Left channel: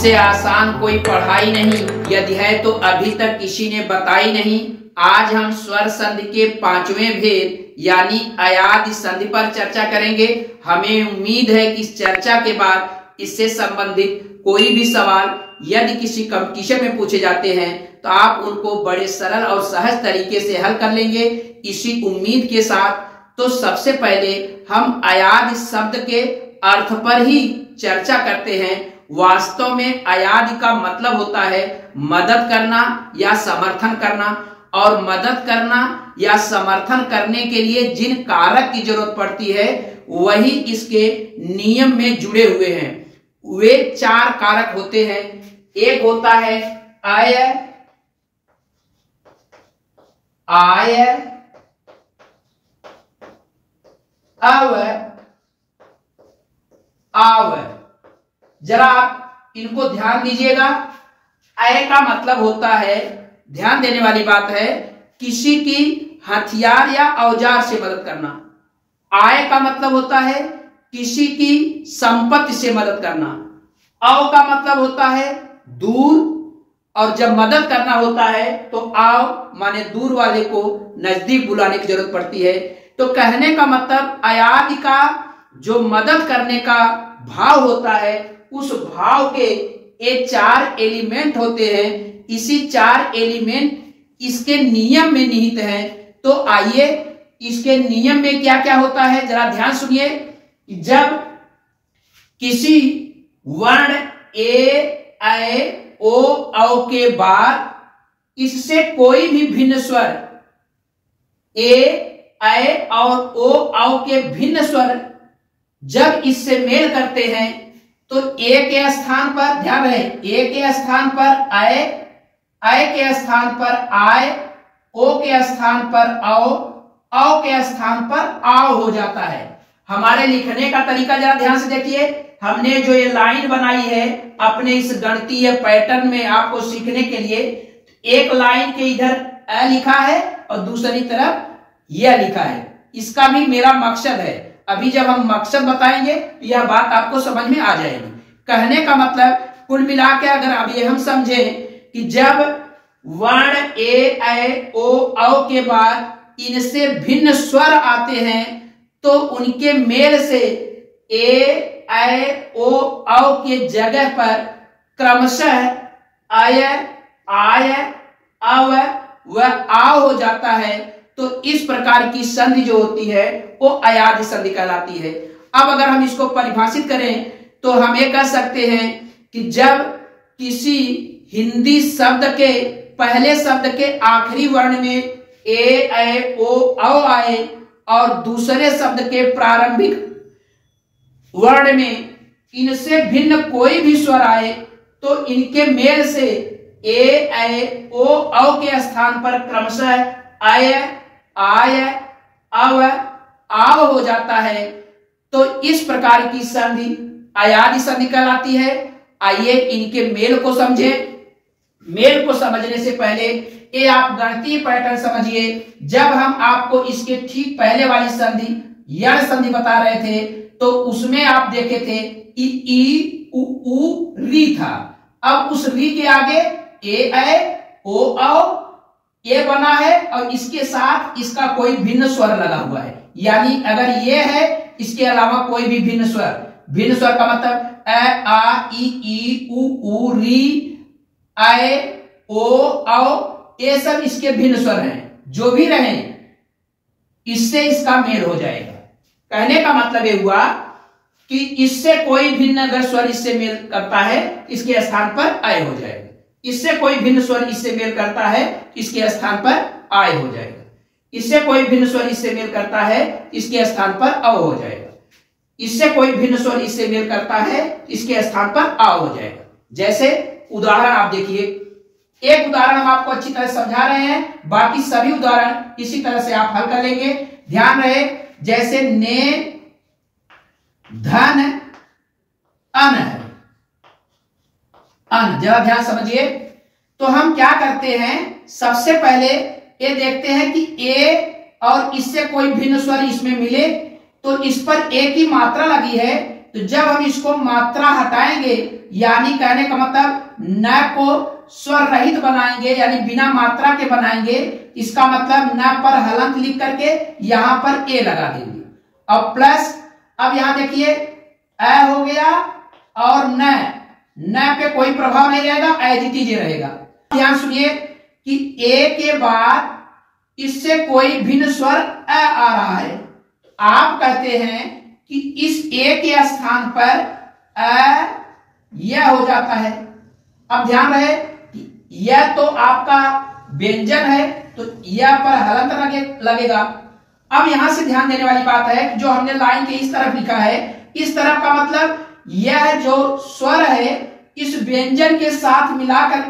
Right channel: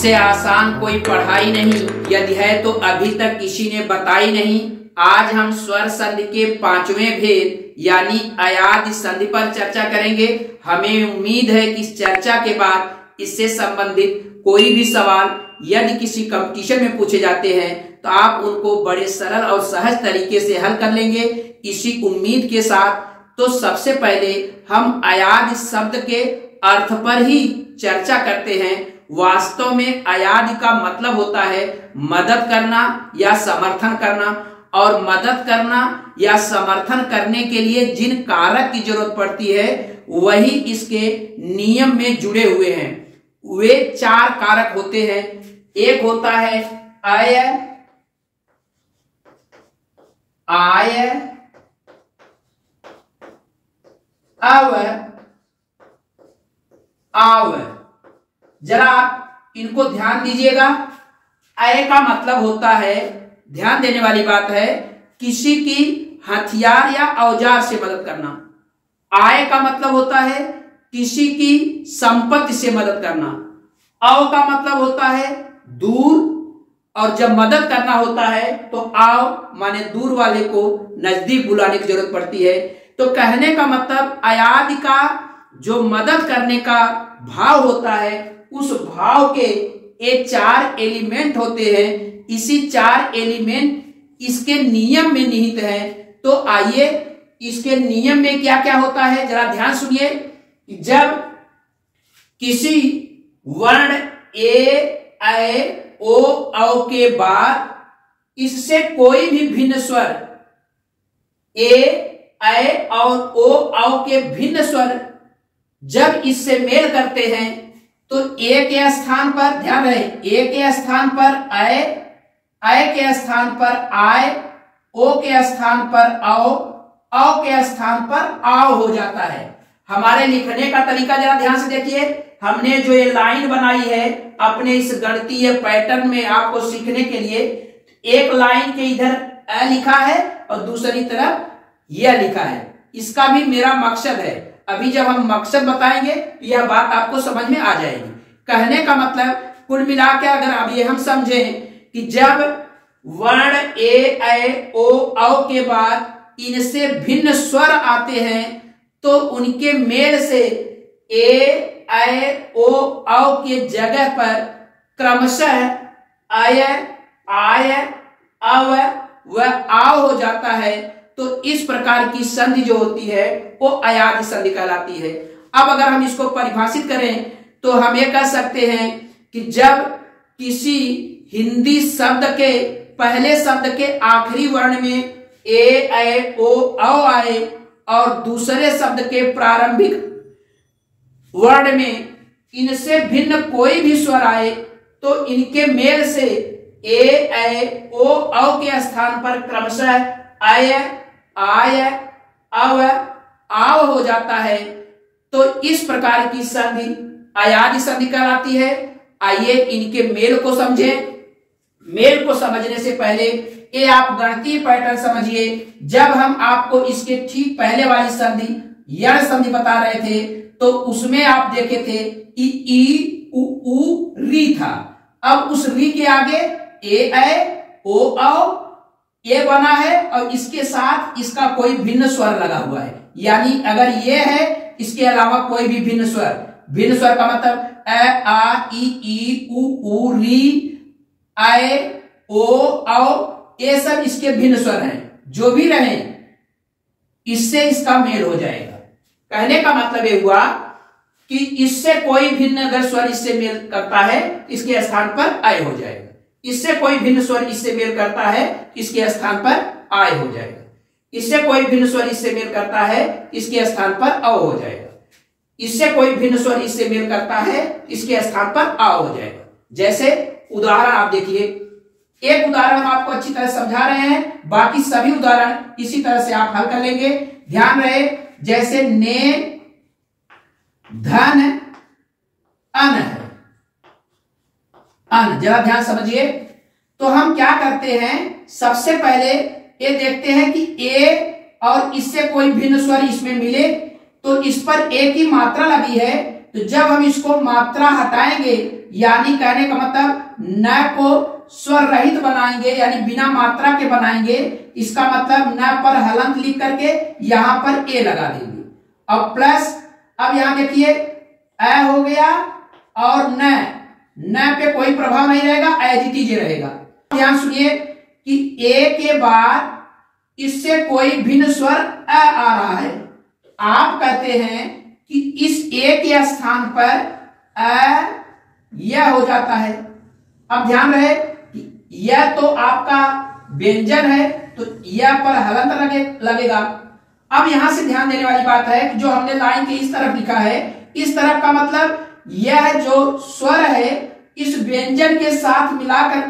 इससे आसान कोई पढ़ाई नहीं, यदि है तो अभी तक किसी ने बताई नहीं। आज हम स्वर संधि के 5वें भेद यानी अयादि संधि पर चर्चा करेंगे। हमें उम्मीद है कि इस चर्चा के बाद इससे संबंधित कोई भी सवाल यदि किसी कंपटीशन में पूछे जाते हैं तो आप उनको बड़े सरल और सहज तरीके से हल कर लेंगे। इसी उम्मीद के साथ तो सबसे पहले हम अयादि शब्द के अर्थ पर ही चर्चा करते हैं। वास्तव में अयादि का मतलब होता है मदद करना या समर्थन करना, और मदद करना या समर्थन करने के लिए जिन कारक की जरूरत पड़ती है वही इसके नियम में जुड़े हुए हैं। वे 4 कारक होते हैं। एक होता है अय, आय, अव, आव। जरा आप इनको ध्यान दीजिएगा। अय का मतलब होता है, ध्यान देने वाली बात है, किसी की हथियार या औजार से मदद करना। आय का मतलब होता है किसी की संपत्ति से मदद करना। अव का मतलब होता है दूर, और जब मदद करना होता है तो आव माने दूर वाले को नजदीक बुलाने की जरूरत पड़ती है। तो कहने का मतलब अयादि का जो मदद करने का भाव होता है उस भाव के ये 4 एलिमेंट होते हैं। इसी 4 एलिमेंट इसके नियम में निहित है। तो आइए इसके नियम में क्या क्या होता है जरा ध्यान सुनिए। जब किसी वर्ण ए, ऐ, ओ, औ के बाद इससे कोई भी भिन्न स्वर ए, ऐ और ओ, औ के भिन्न स्वर जब इससे मेल करते हैं तो ए के स्थान पर, ध्यान रहे, ए के स्थान पर ऐ, ऐ के स्थान पर आय, ओ के स्थान पर औ के स्थान पर आव हो जाता है। हमारे लिखने का तरीका जरा ध्यान से देखिए। हमने जो ये लाइन बनाई है अपने इस गणितीय पैटर्न में आपको सीखने के लिए, एक लाइन के इधर अ लिखा है और दूसरी तरफ यह लिखा है। इसका भी मेरा मकसद है, अभी जब हम मकसद बताएंगे यह बात आपको समझ में आ जाएगी। कहने का मतलब कुल मिला के अगर अब ये हम समझें कि जब वर्ण ए, ऐ, ओ, औ के बाद इनसे भिन्न स्वर आते हैं तो उनके मेल से ए, ऐ, ओ, औ के जगह पर क्रमशः अय, आय, अव व आव हो जाता है। तो इस प्रकार की संधि जो होती है वो अयादि संधि कहलाती है। अब अगर हम इसको परिभाषित करें तो हम ये कह सकते हैं कि जब किसी हिंदी शब्द के पहले शब्द के आखिरी वर्ण में ए, ऐ, ओ, औ आए और दूसरे शब्द के प्रारंभिक वर्ण में इनसे भिन्न कोई भी स्वर आए तो इनके मेल से ए, ऐ, ओ, औ के स्थान पर क्रमशः अय, आय, अव, आव हो जाता है। तो इस प्रकार की संधि अयादि संधि कहलाती है। आइए इनके मेल को समझें। मेल को समझने से पहले ये आप गणितीय पैटर्न समझिए। जब हम आपको इसके ठीक पहले वाली संधि यण संधि बता रहे थे तो उसमें आप देखे थे ई, उ, री था। अब उस री के आगे ए, ऐ, ओ, औ ये बना है और इसके साथ इसका कोई भिन्न स्वर लगा हुआ है। यानी अगर ये है इसके अलावा कोई भी भिन्न स्वर का मतलब अ, आ, ई, उ, री, ऐ, ओ, औ ये सब इसके भिन्न स्वर हैं। जो भी रहे इससे इसका मेल हो जाएगा। कहने का मतलब ये हुआ कि इससे कोई भिन्न अगर स्वर इससे मेल करता है इसके स्थान पर आय हो जाएगा। इससे कोई भिन्न स्वर इससे मेल करता है इसके स्थान पर आय हो जाएगा। इससे कोई भिन्न स्वर इससे मेल करता है इसके स्थान पर अ हो जाएगा। इससे कोई भिन्न स्वर इससे मेल करता है इसके स्थान पर आ हो जाएगा। जैसे उदाहरण आप देखिए, एक उदाहरण हम आपको अच्छी तरह समझा रहे हैं, बाकी सभी उदाहरण इसी तरह से आप हल कर लेंगे। ध्यान रहे, जैसे ने, धन, अन है, अन, जरा ध्यान समझिए। तो हम क्या करते हैं, सबसे पहले ये देखते हैं कि ए और इससे कोई भिन्न स्वर इसमें मिले तो इस पर ए की मात्रा लगी है तो जब हम इसको मात्रा हटाएंगे, यानी कहने का मतलब न को स्वर रहित बनाएंगे, यानी बिना मात्रा के बनाएंगे, इसका मतलब न पर हलंत लिख करके यहां पर ए लगा देंगे। अब प्लस, अब यहां देखिए अ हो गया और न पे कोई प्रभाव नहीं रहेगा, एज इट इज रहेगा। ध्यान सुनिए कि ए के बाद इससे कोई भिन्न स्वर अ आ रहा है, आप कहते हैं कि इस ए के स्थान पर अ यह हो जाता है। अब ध्यान रहे कि यह तो आपका व्यंजन है, तो यह पर हलंत लगेगा। अब यहां से ध्यान देने वाली बात है कि जो हमने लाइन के इस तरफ लिखा है, इस तरफ का मतलब यह जो स्वर है इस व्यंजन के साथ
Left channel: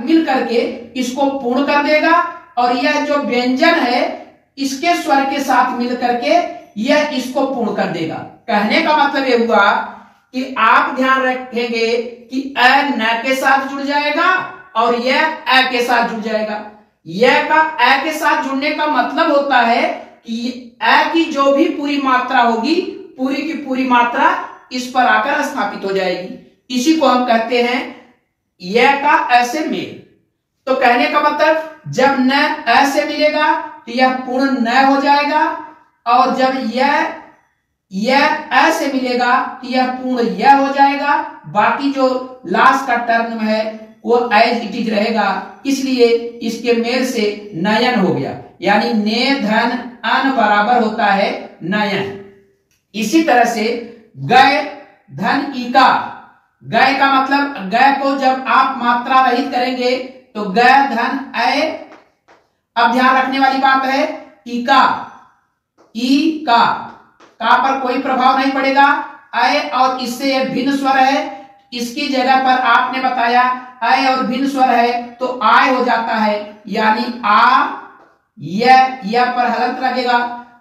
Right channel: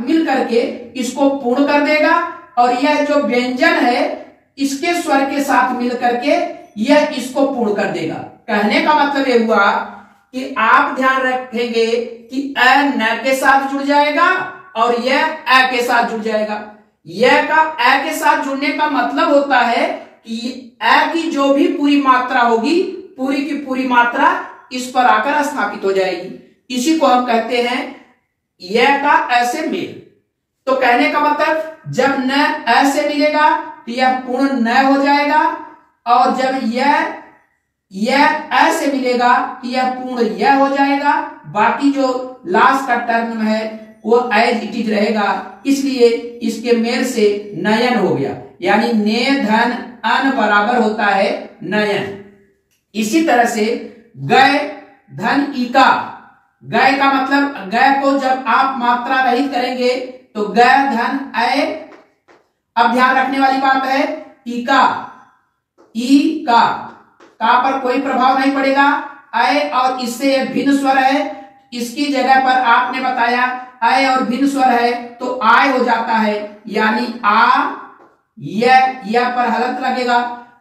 मिल करके इसको पूर्ण कर देगा, और यह जो व्यंजन है इसके स्वर के साथ मिल करके यह इसको पूर्ण कर देगा। कहने का मतलब यह हुआ कि आप ध्यान रखेंगे कि अ न के साथ जुड़ जाएगा और यह अ के साथ जुड़ जाएगा। यह का अ के साथ जुड़ने का मतलब होता है कि अ की जो भी पूरी मात्रा होगी, पूरी की पूरी मात्रा इस पर आकर स्थापित हो जाएगी। इसी को हम कहते हैं यह का अ से मेल। तो कहने का मतलब जब न अ से मिलेगा तो यह पूर्ण न हो जाएगा, और जब यह अ से मिलेगा तो यह पूर्ण यह हो जाएगा। बाकी जो लास्ट का टर्म है वो एज इट इज रहेगा, इसलिए इसके मेल से नयन हो गया, यानी ने धन अन बराबर होता है नयन। इसी तरह से गय धन इका, गय का मतलब गय को जब आप मात्रा रहित करेंगे तो गय धन अय। अब ध्यान रखने वाली बात है इका, ई का पर कोई प्रभाव नहीं पड़ेगा, अय और इससे भिन्न स्वर है, इसकी जगह पर आपने बताया अय और भिन्न स्वर है तो आय हो जाता है, यानी आ यह पर हलंत लगेगा।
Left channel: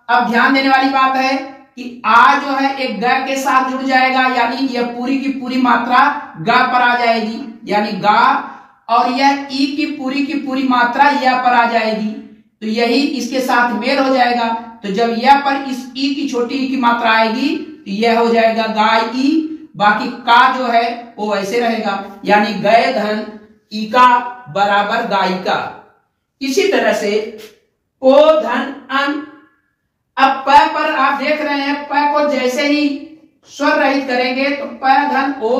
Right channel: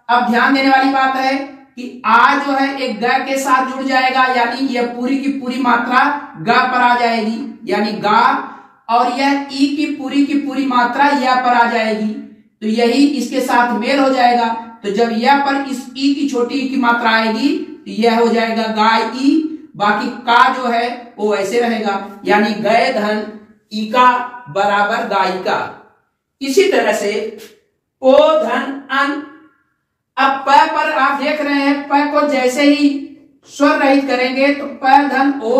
अब ध्यान देने वाली बात है कि आ जो है एक ग के साथ जुड़ जाएगा, यानी यह पूरी की पूरी मात्रा ग पर आ जाएगी, यानी गा, और यह ई की पूरी मात्रा यह पर आ जाएगी, तो यही इसके साथ मेल हो जाएगा। तो जब यह पर इस ई की छोटी ई की मात्रा आएगी तो यह हो जाएगा गाय ई, बाकी का जो है वो ऐसे रहेगा, यानी गय धन इका बराबर गायिका। इसी तरह से ओ धन अन। अब प पर आप देख रहे हैं प को जैसे ही स्वर रहित करेंगे तो प धन ओ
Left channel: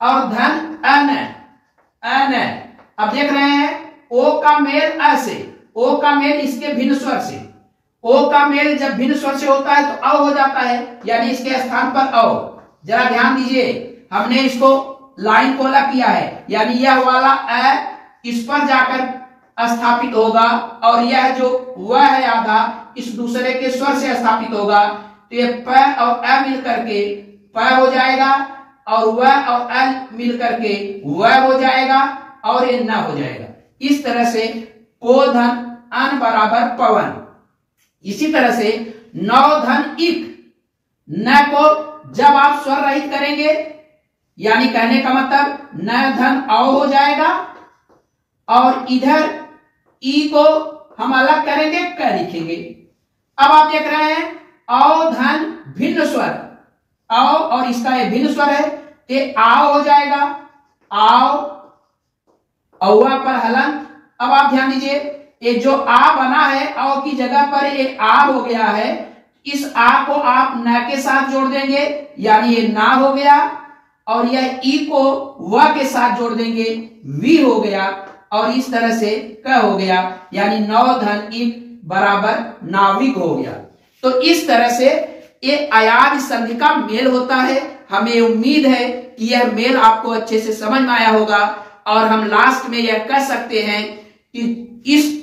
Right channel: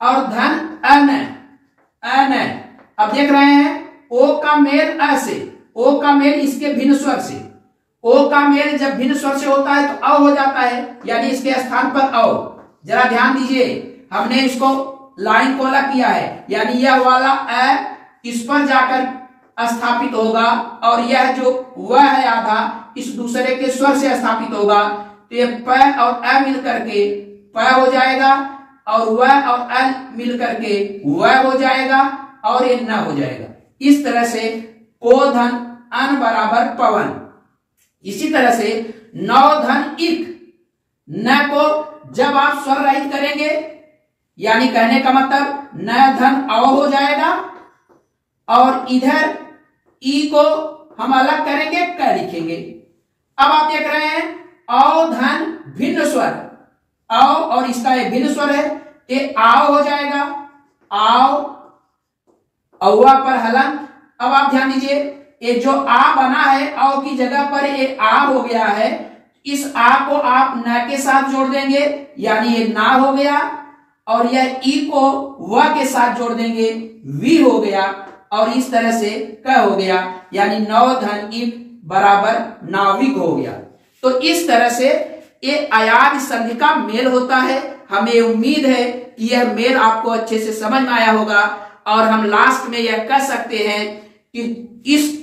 और धन अन। अब देख रहे हैं ओ का मेल अ से, ओ का मेल इसके भिन्न स्वर से, ओ का मेल जब भिन्न स्वर से होता है तो अ हो जाता है, यानी इसके स्थान पर अ। जरा ध्यान दीजिए, हमने इसको लाइन को अलग किया है, यानी यह वाला अ इस पर जाकर स्थापित होगा, और यह जो वह है आधा इस दूसरे के स्वर से स्थापित होगा, तो ये प और अ मिल करके प हो जाएगा, और वह और अ मिल करके वह हो जाएगा, और ये न हो जाएगा। इस तरह से को धन अन बराबर पवन। इसी तरह से नौ धन इक, न को जब आप स्वर रहित करेंगे, यानी कहने का मतलब न धन औ हो जाएगा, और इधर ई को हम अलग करेंगे क लिखेंगे। अब आप देख रहे हैं औ धन भिन्न स्वर, औ और इसका ये भिन्न स्वर है, ये आओ हो जाएगा, आओ, औवा पर हलंत। अब आप ध्यान दीजिए, ये जो आ बना है औ की जगह पर ये आ हो गया है, इस आ को आप न के साथ जोड़ देंगे, यानी ये ना हो गया, और यह ई को व के साथ जोड़ देंगे, वी हो गया, और इस तरह से क हो गया, यानी नौ धन इक बराबर नाविक हो गया। तो इस तरह से ये अयाद संधि का मेल होता है। हमें उम्मीद है कि यह मेल आपको अच्छे से समझ में आया होगा, और हम लास्ट में यह कह सकते हैं कि इस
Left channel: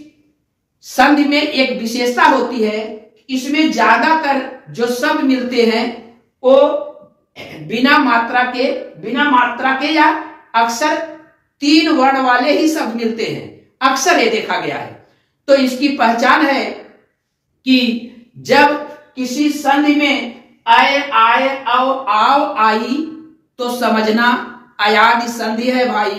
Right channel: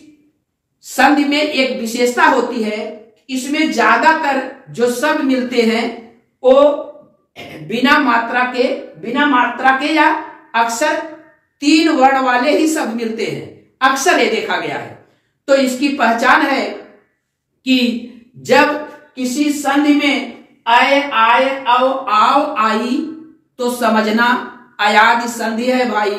संधि में एक विशेषता होती है, इसमें ज्यादातर जो शब्द मिलते हैं वो बिना मात्रा के या अक्सर 3 वर्ण वाले ही शब्द मिलते हैं, अक्सर ये देखा गया है। तो इसकी पहचान है कि जब किसी संधि में आय आय औ आओ आई तो समझना अयाद संधि है भाई।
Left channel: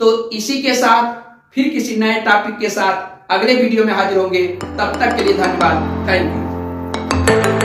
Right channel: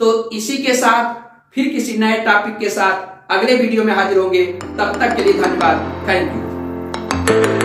तो इसी के साथ फिर किसी नए टॉपिक के साथ अगले वीडियो में हाजिर होंगे। तब तक के लिए धन्यवाद, थैंक यू।